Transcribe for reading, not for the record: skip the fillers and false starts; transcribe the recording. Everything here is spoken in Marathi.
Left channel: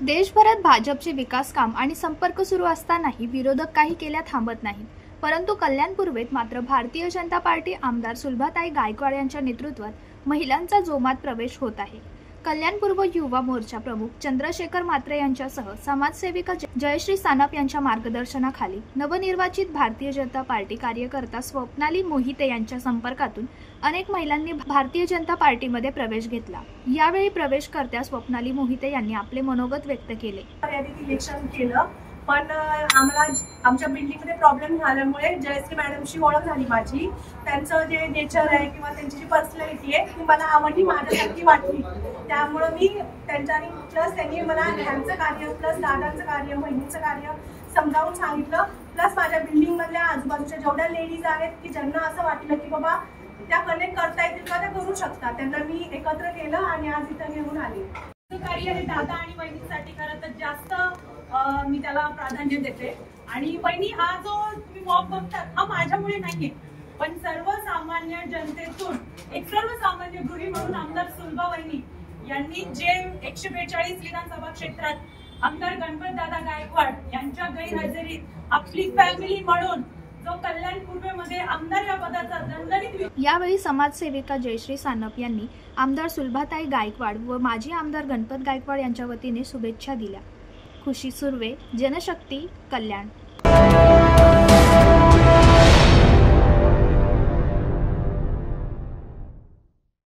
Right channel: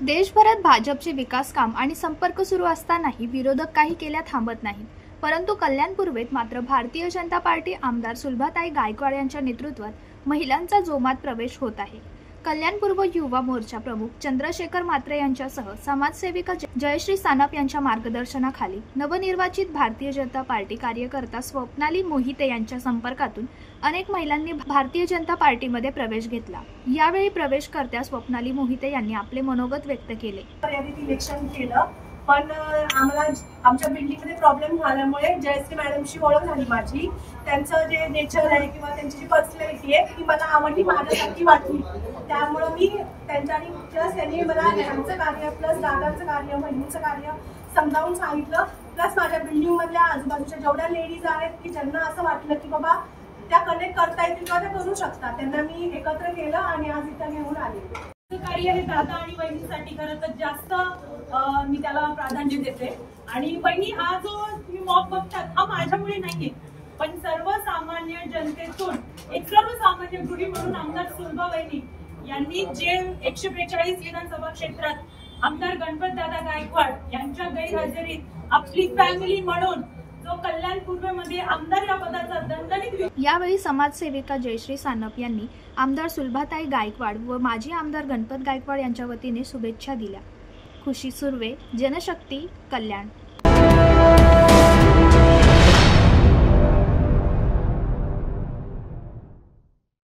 देशभरात भाजपचे विकास काम आणि संपर्क सुरू असतानाही विरोधक काही केल्या थांबत नाहीत। परंतु कल्याण पूर्वेत मात्र भारतीय जनता पार्टी आमदार सुलभाताई गायकवाड यांच्या नेतृत्वात महिलांचा जोमात प्रवेश होत आहे। कल्याण पूर्व युवा मोर्चा प्रमुख चंद्रशेखर म्हात्रे यांच्यासह समाजसेविका जयश्री सानप यांच्या मार्गदर्शनाखाली नवनिर्वाचित भारतीय जनता पार्टी कार्यकर्ता स्वप्नाली मोहिते यांच्या संपर्कातून अनेक महिलांनी भारतीय जनता पार्टीमध्ये प्रवेश घेतला। यावेळी प्रवेशकर्त्या स्वप्नाली मोहिते यांनी आपले मनोगत व्यक्त केले। इलेक्शन केलं पण आम्हाला आमच्या बिल्डिंगमध्ये प्रॉब्लेम झाल्यामुळे जयश्री मॅडमशी ओळख झाली माझी। त्यांचं जे नेचर आहे किंवा त्यांची जी पर्सनॅलिटी आहे ती मला आवडली, माझ्यासारखी वाटली। त्यामुळे मी त्यांच्यानी प्लस त्यांनी मला ह्यांचं कार्य प्लस दादांचं कार्य बहिणीचं कार्य समजावून सांगितलं। प्लस माझ्या बिल्डिंग मधल्या आजूबाजूच्या जेवढ्या लेडीज आहेत की ज्यांना असं वाटलं की बाबा त्या कनेक्ट करता येतील का, त्या करू शकतात, त्यांना मी एकत्र केलं आणि आज इथं घेऊन आले। कार्य हे दादा आणि बहिणीसाठी खरं तर जास्त मी त्याला प्राधान्य देते। आणि बहिणी हा जो तुम्ही मॉब बघतात हा माझ्यामुळे नाहीये, पण सर्वसामान्य जनतेतून एक सर्वसामान्य गृही म्हणून आमदार सुलभा वहिनी यांनी जे 142 विधानसभा क्षेत्रात आमदार गणपत दादा गायकवाड यांच्या गैरहजेरीत आपली फॅमिली म्हणून जो कल्याण पूर्वेमध्ये आमदार या पदाचा दणदणीत। यावेळी समाजसेविका जयश्री सानप यांनी आमदार सुलभाताई गायकवाड व माजी आमदार गणपत गायकवाड यांच्या वतीने शुभेच्छा दिल्या। खुशी सुर्वे, जनशक्ती, कल्याण।